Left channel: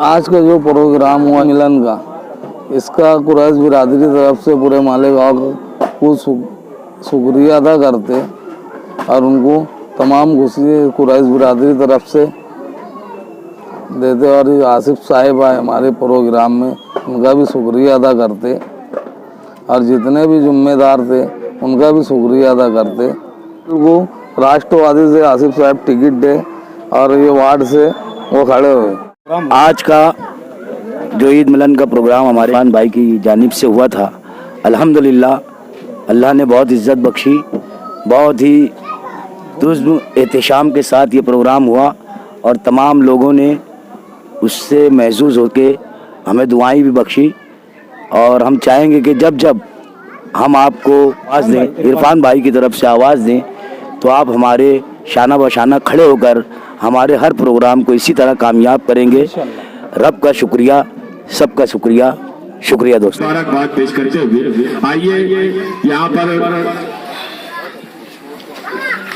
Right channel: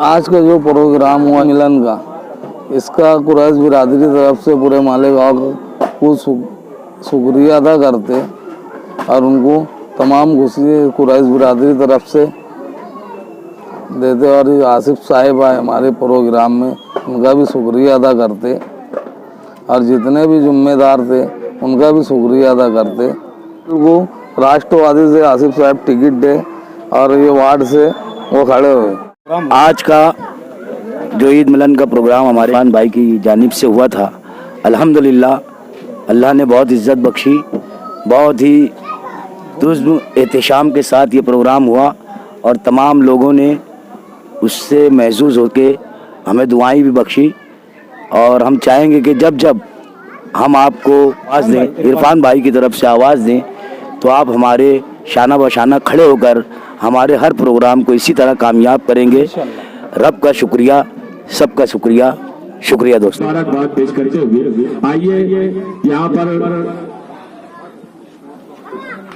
आज का जो प्रोग्राम हुआ मिलन का, इसका कुरैश बिरादरी की तरफ से पूरे मालेगांव को शुक्रिया अदा करते और उनको तमाम खुशी कुरैश बिरादरी की तरफ से देते और आसिफ साहिब आए हमारे प्रोग्राम में, उनका भी शुक्रिया अदा करते और जितने भी जिम्मेदार थे उनका भी शुक्रिया अदा करते। वो राष्ट्रवादी से आसिफ साहब टिकट दे और ये वार्ड से वो खड़े हुए। आज का जो ईद मिलन का प्रोग्राम हमारे खान भाई की जानिब से हुआ था, अल्हम्दुलिल्लाह अल्लाह ने बहुत इज़्ज़त बख्शी, बहुत ही तुज़्म एहतशाम के साथ ये प्रोग्राम हुआ और तमाम लोगों ने उससे महसूस होके हमें दुआएं भी बख्शी। और हम चाहेंगे कि जब जब हम आपको आवाज़ दें, इरफान भाई की तरफ से आवाज़ दें, तो आप हमारे शाना बशाना खड़े होकर हमारे हर प्रोग्राम को इसी तरह कामयाब करेंगे। रब का शुक्रिया, सबका शुक्रिया, शुक्रिया दोस्तों। मुबारकबाद पेश करते हुए आइए यहाँ पर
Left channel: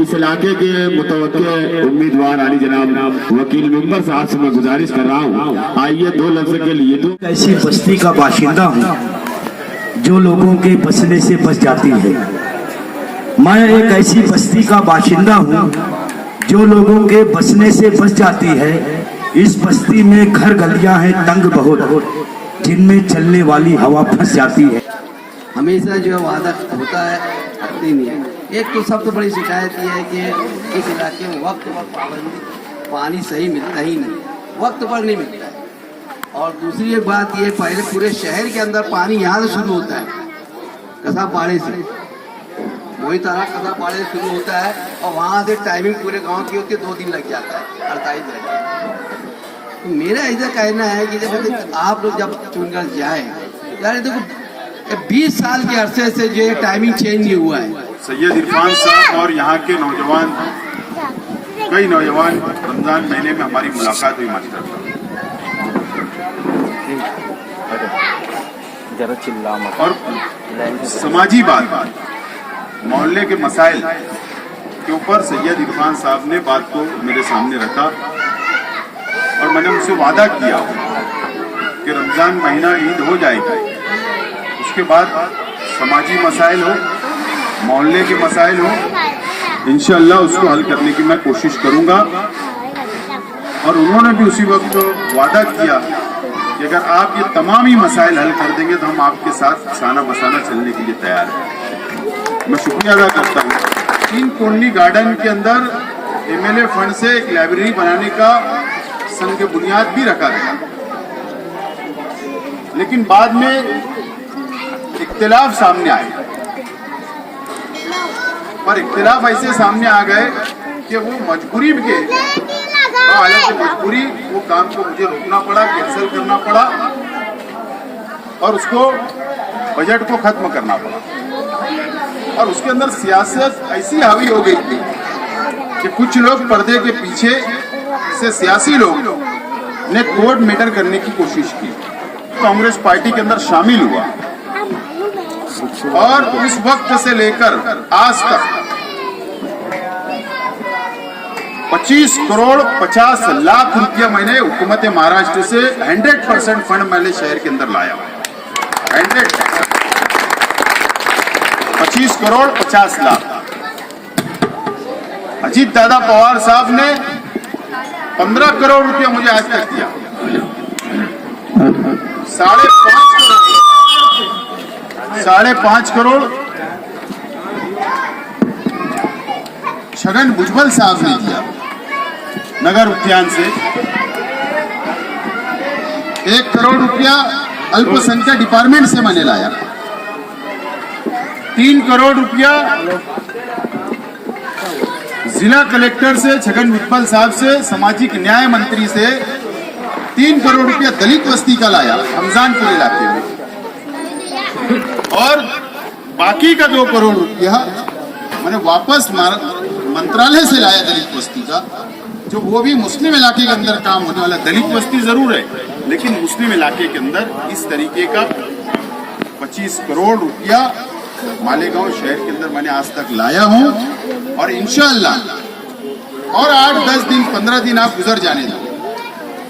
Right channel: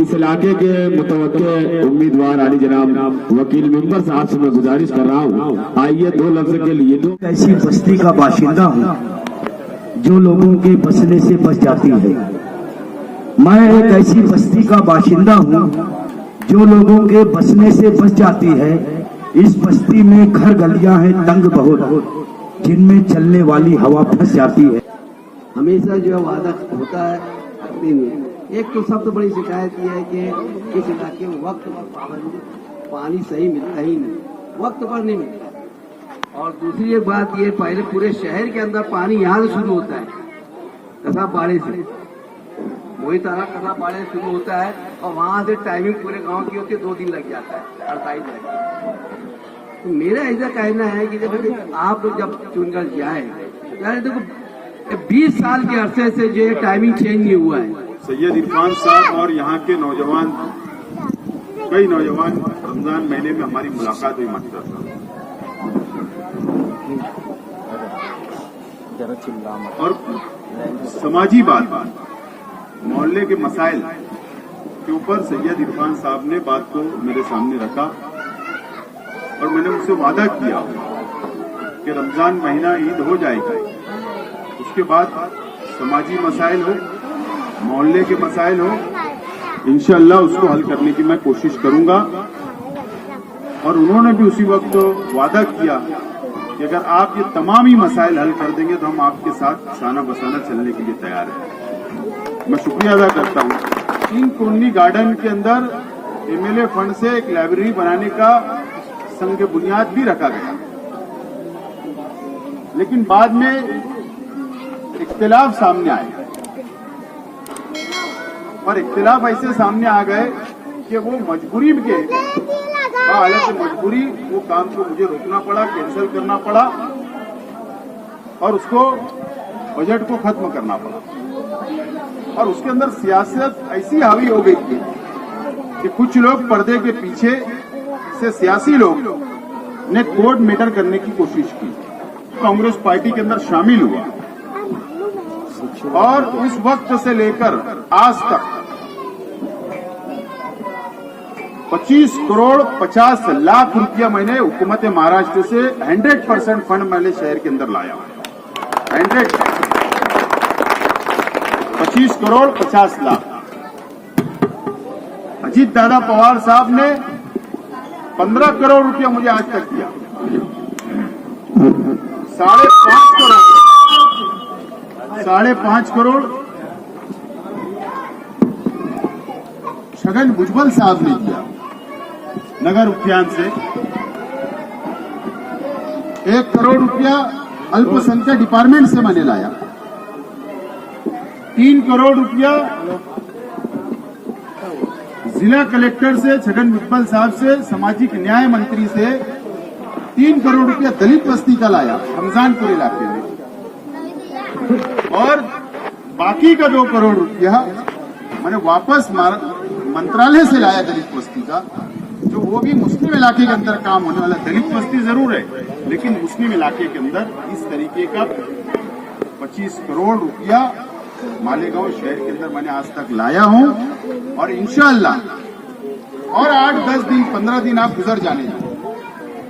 इस इलाके के मुतवक्के उम्मीदवार अली जनाब वकील मेंबर साहब से मैं गुजारिश कर रहा हूँ, आइए 2 लफ्ज के लिए। तो ऐसी बस्ती का बाशिंदा हूँ जो लोगों के बसने से बस जाती है। मैं एक ऐसी बस्ती का बाशिंदा हूँ जो लोगों के बसने से बस जाती है। इस बस्ती में घर गलियां हैं तंग बहुत, जिनमें चलने वाली हवा फंस जाती है। हमेशा जो वादा होता है करती नहीं है। एक तो सबसे बड़ी शिकायत ये है कि इस इलाके में वक्त पर पाबंदी, पानी सही मिलता ही नहीं, वक्त पर नहीं मिलता है। और दूसरी एक बात ये, पहले पूरे शहर के अंदर पानी यहाँ से शुरू होता है, कसापाड़े से, वही तरह कसापाड़े से शुरू होता है और वहाँ से टाइमिंग पूरे गांव की होती है, 2 दिन लग जाता है, 48 लग जाता है। तो मेरा ऐसा कहना है कि जब आप लोग जब चुनकर जाए, यार देखो 20 साल के अरसे से जो ये टाइमिंग चेंज नहीं हुआ है। सैयद इरफान साहब और यहाँ के नौजवान, कई नौजवान, रमजान महीने में हमारी मुलाकात हुई मास्टर साहब, और समाजी बात, मोहल्ले के मसाइल के ऊपर सैयद इरफान साहब ने बात को मेरे सामने रखा और मैंने उनसे वादा किया कि रमजान महीना ईद हो जाएगी, उसके बाद समाजी मसाइल हो, मोहल्ले के मसाइल हो, इंशाअल्लाह उसको हल करने की मैं कोशिश करूंगा। और उन्होंने भी उसी वक्त वादा किया कि अगर आप ये तमाम ही मसाइल हल कर देंगे तो हम आपके साथ साना बसाना चलने के लिए तैयार हैं। मैं शुक्रिया अदा करता हूँ। 3 कोर्नी गार्डन के अंदर MLA फंड से एक लाइब्रेरी बनाने का संग बुनियाद भी रखा गया, लेकिन बाद में इख्तिलाफ सामने आए और इख्तिलाफ ऐसे सामने आ गए कि वो मजबूरी के हालत मजबूरी वो काम को मुझे रोकना पड़ा, कैंसिल करना पड़ा और उसको बजट को खत्म करना पड़ा। और उसके अंदर सियासत ऐसी हावी हो गई थी कि कुछ लोग पर्दे के पीछे से सियासी लोग ने कोर्ट मैटर करने की कोशिश की। कांग्रेस पार्टी के अंदर शामिल हुआ और उस वक्त से लेकर आज तक 25 करोड़ 50 लाख रुपया मैंने हुकूमत महाराष्ट्र से 100% फंड मैंने शहर के अंदर लाया। 25 करोड़ 50 लाख। अजीत दादा पवार साहब ने 15 करोड़ रुपया मुझे आज तक दिया। 5.5 करोड़ छगन भुजबल साहब ने दिया नगर उद्यान से। 1 करोड़ रुपया अल्पसंख्यक डिपार्टमेंट से मैंने लाया। 3 करोड़ रुपया जिला कलेक्टर से, छगन भुजबल साहब से, सामाजिक न्याय मंत्री से 3 करोड़ रुपया दलित बस्ती का लाया रमजानपुर इलाके में। और बाकी का 2 करोड़ रुपया मैंने वापस मंत्रालय से लाया दलित बस्ती का, जो वो भी मुस्लिम इलाके के अंदर काम होने वाला। दलित बस्ती जरूर है, लेकिन मुस्लिम इलाके के अंदर इस तरीके का 25 करोड़ रुपया मालेगांव शहर के अंदर मैंने आज तक लाया हूं। और इंशाअल्लाह और 8-10 दिन 15 दिन आप गुजर जाने दो,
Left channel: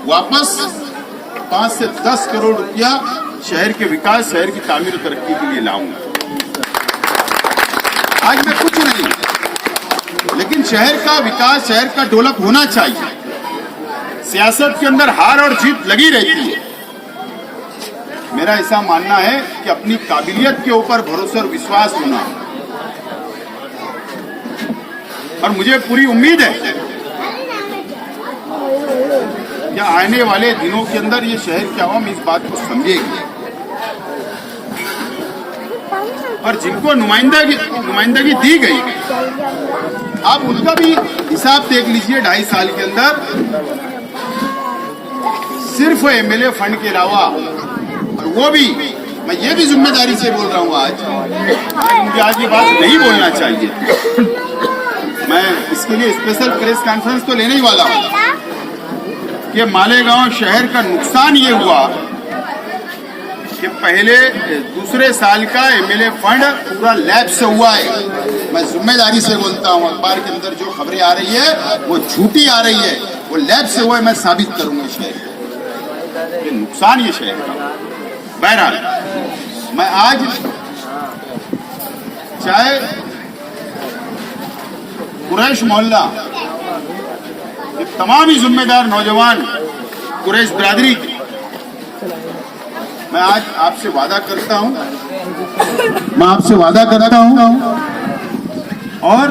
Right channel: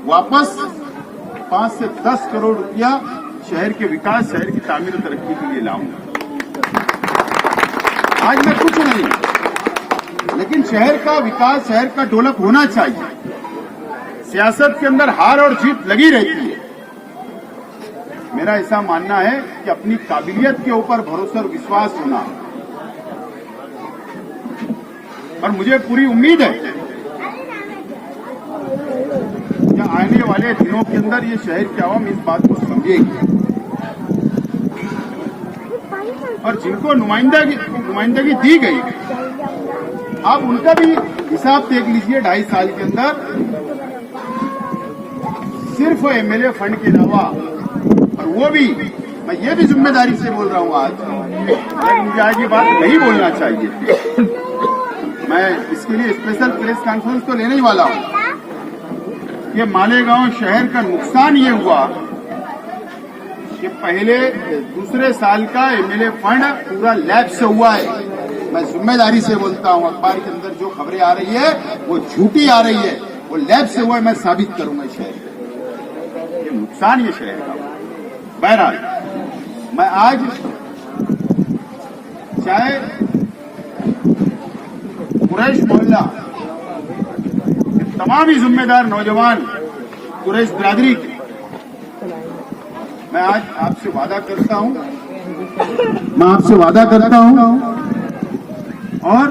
वापस 5 से 10 करोड़ रुपया शहर के विकास, शहर की तामीर और तरक्की के लिए लाऊंगा। आज मैं कुछ नहीं, लेकिन शहर का विकास, शहर का डेवलप होना चाहिए। सियासत के अंदर हार और जीत लगी रहती है। मेरा ऐसा मानना है कि अपनी काबिलियत के ऊपर भरोसा और विश्वास होना, और मुझे पूरी उम्मीद है कि आने वाले दिनों के अंदर ये शहर की आवाम इस बात को समझेगी, और जिनको नुमाइंदगी दी गई, आप उनका भी हिसाब देख लीजिए। 2.5 साल के अंदर सिर्फ एमएलए फंड के अलावा, और वो भी मैं ये भी जिम्मेदारी से बोल रहा हूँ आज, मुझे आज ये बात नहीं बोलना चाहिए, मैं इसके लिए स्पेशल प्रेस कॉन्फ्रेंस तो लेने ही वाला हूँ कि मालेगांव शहर का नुकसान ये हुआ कि पहले दूसरे साल का एमएलए फंड पूरा लैप्स हुआ है। मैं जिम्मेदारी से बोलता हूँ, अखबार के अंदर जो खबरें आ रही है वो झूठी आ रही है, वो लैप्स हुआ है, मैं साबित करूंगा शहर, ये नुकसान ये शहर का। बहरहाल मैं आज चाहे कुरैश मोहल्ला के तमाम ही जिम्मेदार नौजवान कुरैश बिरादरी के, मैं आज आपसे वादा करता हूं, और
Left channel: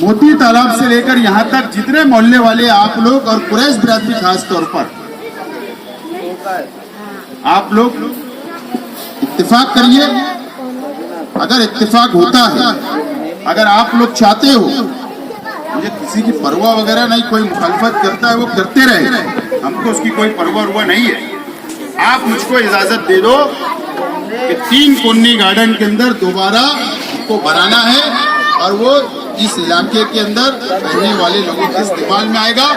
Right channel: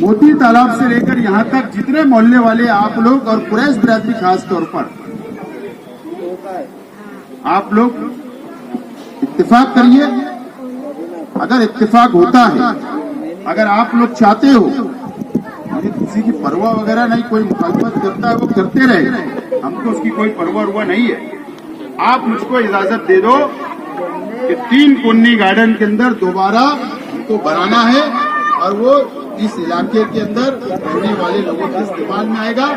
मोती तालाब से लेकर यहां तक जितने मोहल्ले वाले आप लोग और कुरैश बिरादरी खास तौर पर, आप लोग इत्तेफाक करिए। अगर इत्तेफाक होता है, अगर आप लोग चाहते हो, मुझे किसी की परवाह वगैरह नहीं, कोई मुखालफत करता है वो करते रहे, हमको उसकी कोई परवाह नहीं है। आप मुझको इजाजत दे दो कि 3 कुन्नी गार्डन के अंदर दोबारा उसको बनाना है, और वो इस इलाके के अंदर रहने वाले लोगों के इस्तेमाल में आएगा,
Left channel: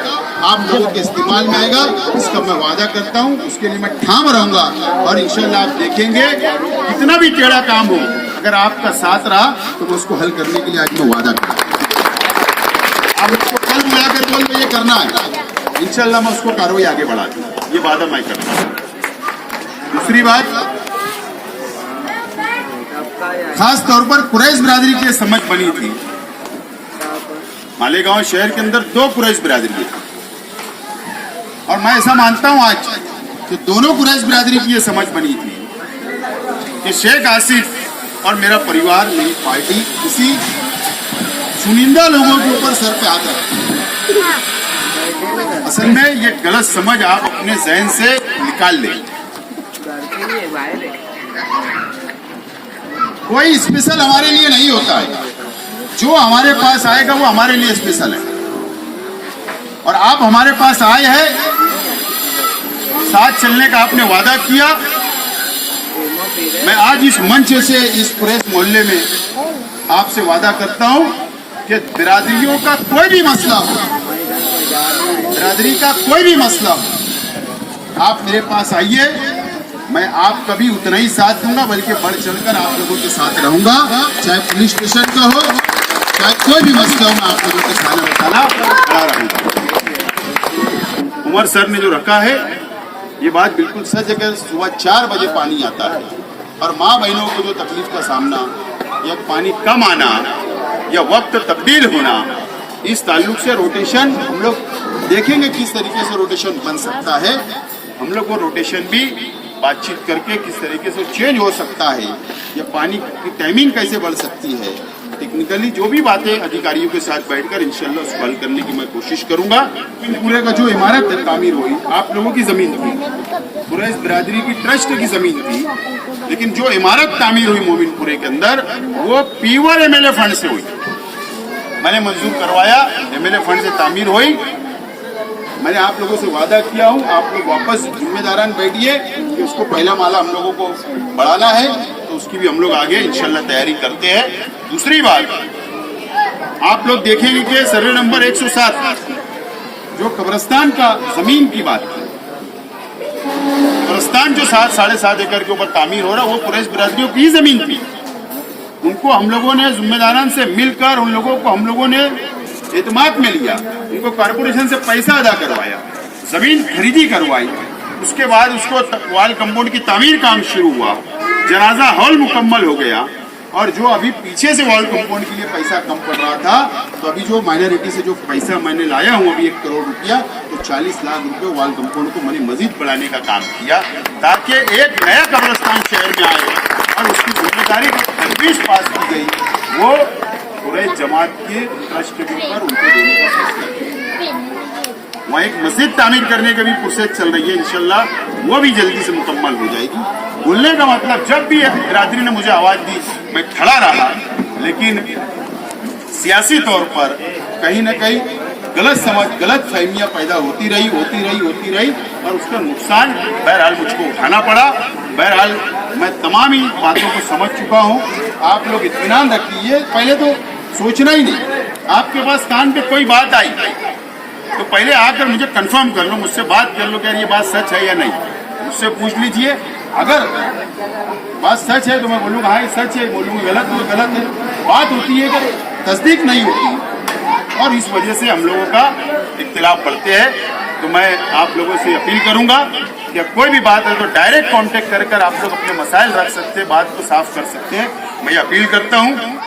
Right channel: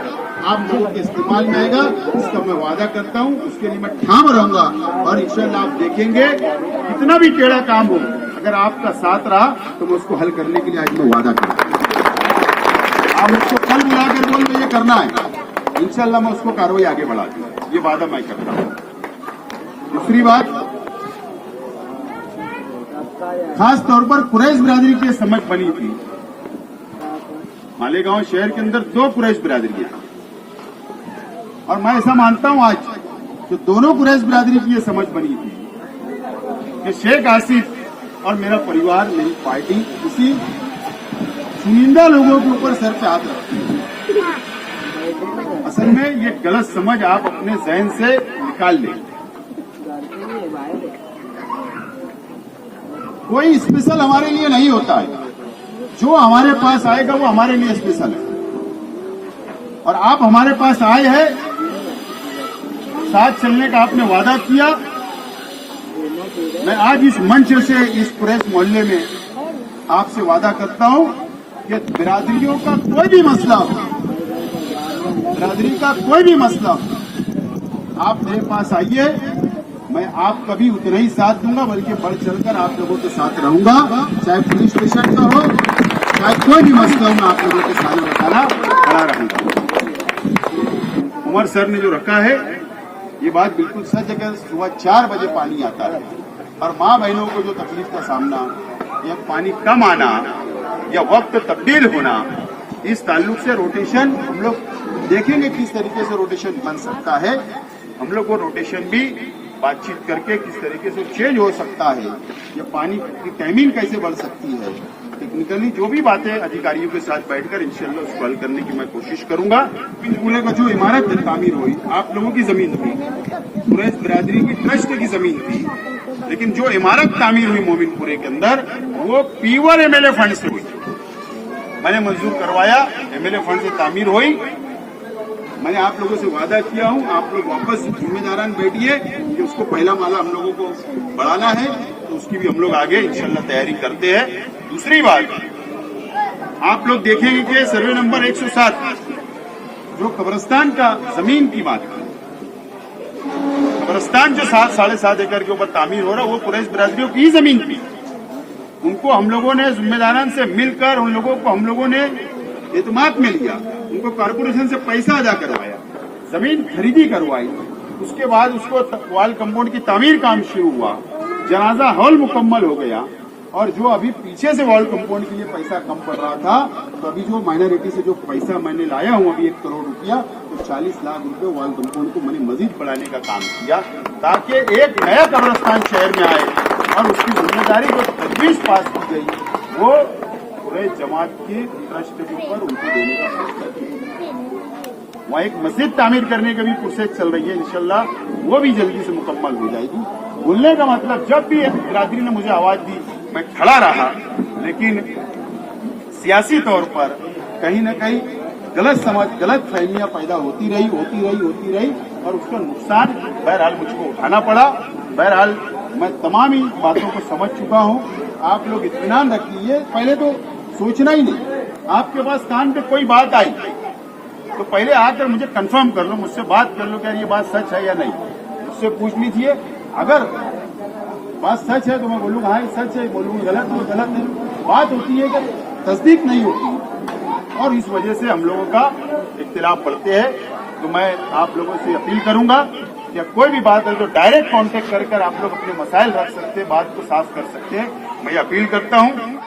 आप लोगों के इस्तेमाल में आएगा। इसका मैं वादा करता हूँ, उसके लिए मैं ठाम रहूंगा, और इंशाल्लाह आप देखेंगे कितना भी टेढ़ा काम हो, अगर आपका साथ रहा तो मैं उसको हल करने के लिए आज मैं वादा करूँ। आप उसको कल बुलाकर बोल ये करना है, इंशाल्लाह मैं उसको कार्रवाई आगे बढ़ा दूंगा, ये वादा मैं करता हूँ। दूसरी बात, खास तौर पर कुरैश बिरादरी की समझ बनी थी। मालेगांव शहर के अंदर 2 कुरैश बिरादरी है, और मैं ऐसा मानता हूं आज कि दोनों कुरैश बिरादरी की ये समझ बनी थी कि शेख आसिफ और मेरा परिवार, मेरी पार्टी किसी चुनिंदा लोगों के ऊपर सर पे हाथ रखती है। असल में ये गलत समझ आप अपने जहन से निकाल लें। कोई स्पेशल हमारे लिए नहीं होता है, जो हमारे पास आएगा वो हमारे लिए स्पेशल है, और आप हमारे पास आए हैं, साथ चलने का आपने वादा किया। मैं आज इस मंच से, इस कुरैश मोहल्ले में आपसे वादा करता हूं कि बिरादरियों का कोई भी मसला हो, बिरादरी का कोई भी मसला हो, आप मेरे पास आइए, मैं आपका भी उतना ही साथ दूंगा, बल्कि बढ़ चढ़कर आप लोगों के साथ रहूंगा। चाहे पुलिस स्टेशन का हो, चाहे कोई भी मसला हो, मैं आप लोगों के साथ बताना खड़ा रहूंगा। उमर सर ने जो रखा है, ये बात बिल्कुल सच है कि सुबह 4 बजे पानी आता है, और माँ बहनों को जो तकलीफ का सामना, या पानी कम आना, या वक्त तब्दील होना, इस ताल्लुक से रोटेशन हम लोग देखेंगे किस तरीके से रोटेशन बन सकता है। हम लोग वो रोटेशन भी बातचीत करके किस तरीके से चेंज हो सकता है, या पानी की टाइमिंग कैसे बढ़ सकती है, टेक्निकली जो भी बातें अधिकारियों के साथ बैठकर इंशाल्लाह उसको हल करने की मैं कोशिश करूंगा। पूरे का जो इमारत तामीर हुई, आप लोगों की जमीन थी, कुरैश बिरादरी की ट्रस्ट की जमीन थी, लेकिन जो इमारत तामीर हुई मोमिनपुरे के अंदर, वो पीवर एमएलए फंड से हुई। मैंने मंजूर करवाया, एमएलए फंड से तामीर हुई। मैंने आप लोगों से वादा किया हूं, आप लोग वापस जिम्मेदारान बैठिए कि उसको पहला माला हम लोगों को बढ़ाना है, तो उसकी भी हम लोग आगे इंशाल्लाह तैयारी करते हैं। दूसरी बात, आप लोग देखेंगे कि सर्वे नंबर 107 जो कब्रिस्तान का जमीन की बात की, कब्रिस्तान जो 7-7.5 एकड़ के ऊपर तामीर हो रहा, वो कुरैश बिरादरियों की जमीन थी। उनको हम लोगों ने जिम्मेदारान से मिलकर, उन लोगों को हम लोगों ने एतमाद में लिया, उनको कारपोरेशन से पैसा अदा करवाया, जमीन खरीदी करवाई, उसके बाद उसको वॉल कंपाउंड की तामीर काम शुरू हुआ, जनाजा हॉल मुकम्मल हो गया, और जो अभी पीछे से वॉल कंपाउंड के लिए पैसा कम पड़ रहा था, तो अभी जो माइनॉरिटी से जो पैसा मैंने लाया हूँ अभी 1 करोड़ रुपया, तो 40 लाख रुपए वॉल कंपाउंड को मैंने मजीद बढ़ाने का काम किया, ताकि एक नया कब्रिस्तान शहर में आए। और उसकी जिम्मेदारी जो तजवीज़ पास की गई वो पूरे जमात के ट्रस्ट के ऊपर उनको देने का फैसला किया। वहाँ एक मस्जिद तामीर करने की भी प्रोसेस चल रही है, इंशाल्लाह वो भी जल्दी से मुकम्मल हो जाएगी। बोलने का मतलब, जब भी बिरादरी ने मुझे आवाज़ दी मैं खड़ा रहा, लेकिन सियासी तौर पर कहीं ना कहीं गलत समझ, गलत फहमियाँ पैदा होती रही और उसका नुकसान बहरहाल मुझको उठाना पड़ा। बहरहाल मैं तमाम ही बातों को समझ चुका हूँ। आप लोग इत्मीनान रखिए, पहले तो सोचना ही नहीं, आपके पास कान पे कोई बात आई तो पहले आकर मुझे कंफर्म कर लो, मुझसे बात कर लो कि ये बात सच है या नहीं, मुझसे पूछ लीजिए। अगर बात सच है तो मैं बोलूँगा हाँ ये सच है, बोलूँगा गलत है गलत है। बात होती है कि तस्दीक नहीं होती, और इस वजह से हम लोगों का इख्तिलाफ बढ़ते हैं। तो मैं आप लोगों से अपील करूँगा कि कोई भी बात है तो डायरेक्ट कांटेक्ट कर आप लोग अपने मसाइल रख सकते हैं, बात को साफ कर सकते हैं। मैं अपील करता हूँ।